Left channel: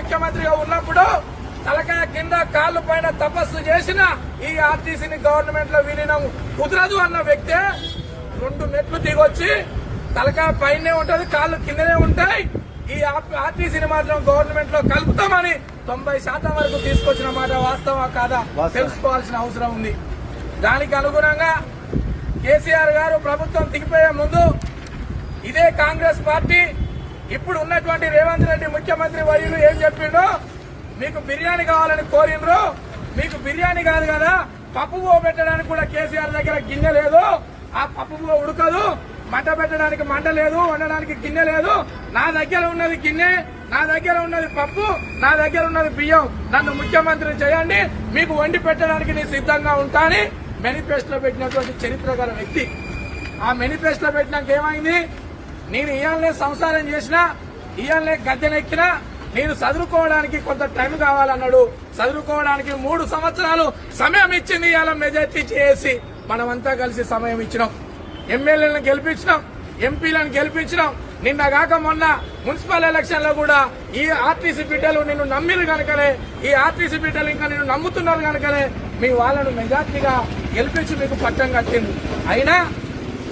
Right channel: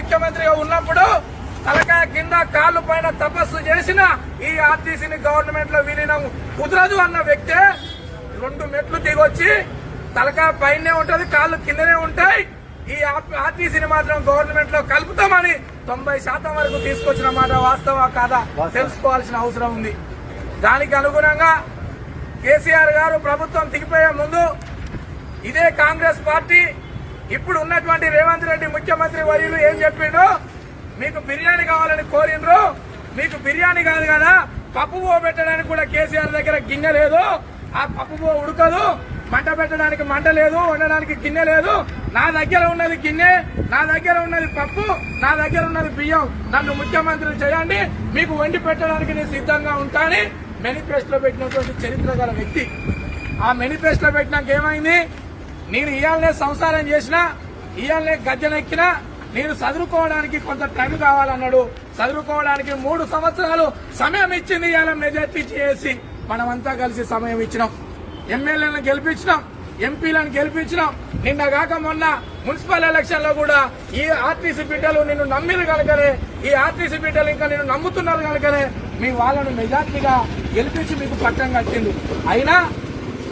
ముఖ్యమంత్రిగా ఉన్నప్పుడు తలకాయ కింద కాళ్ళు పైన తపస్సు చేసిన ఈ ఆర్టీసీని గవర్నమెంట్ లో విలీనం కుదరదు అన్న వ్యక్తే 2 మెట్లు దిగొచ్చి తలకాయ పైనే ఉంటది, కాళ్ళు కిందనే ఉంటాయి, ఈ ఆర్టీసీని మాత్రం గవర్నమెంట్ లో కలుపుతామని 90% వరకు తీసుకొచ్చిన మాట వాస్తవా కాదా తెలుసుకోవాల్సిన అవసరం ఉంది. దానికి అనుగుణంగా కేసీఆర్ గారు ప్రభుత్వం దిగిపోయే ముందు ఇదే కాంగ్రెస్ పార్టీ ఇప్పుడు ఉన్నటువంటి రేవంత్ రెడ్డి ముఖ్యమంత్రి వర్యులు ఏం చెప్పిండో, మీకు బిర్యానీ కావాలని కోరిండ్రు, మీకు బిర్యానీ కాదు కదా పప్పు పెట్టడానికి కూడా కేసీఆర్ దగ్గర గిన్నె లేదు, ఆ పప్పు ఉడకదు, మంట పెట్టడానికి మంట లేదు, వండడానికి గిన్నె లేదు, నా దగ్గర ఉన్నది గిన్నె, నా దగ్గర ఉన్నది పప్పు, నా దగ్గర ఉన్నది బియ్యం, నన్ను ముఖ్యమంత్రి చేయండి, మీకు వండి పెట్టడానికి నేను సిద్ధంగా ఉంటానని మేనిఫెస్టోలో పెట్టినటువంటి చరిత్ర గల వ్యక్తి. ఆ మేనిఫెస్టోలో పెట్టినాక ఏమైంది, నేను ఇయాలనే సంసారం చేసినా, ఇయాలనే గద్దెనెక్కినా, నేను చదువుకోవడానికి కొంత టైం కావాలన్నాడు. చదువుకోవడానికి 3 సంవత్సరాలు సమయం ఇచ్చింది ఇవాళ మెజార్టీ చేసి మనమంతా కలిసి సమయం ఇచ్చినాం. ఎమ్మెల్యేలను గెలిపించినాం, ఎంపీలను గెలిపించినాం. నిన్న కాక మొన్న మున్సిపల్ ఎలక్షన్ లో కూడా ఈ ఆర్టీసీ బిడ్డలు నిన్ను నమ్మిన కనుకనే, ఈ ఆర్టీసీ బిడ్డలు ఇంకా నిన్ను నమ్ముతున్నారు కనుకనే మీ వాళ్ళను మెజార్టీగా గెలిపించి మీకు పట్టం కట్టింది. అయినా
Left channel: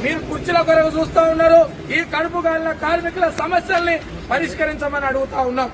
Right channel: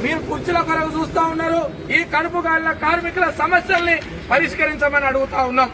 మీరు కుర్చీల కొరకు చూస్తా ఉన్నారు. ఈ కడుపు కాలిన కార్మికుల సమస్యల్ని పరిష్కరించమని అడుగుతా ఉన్నాం.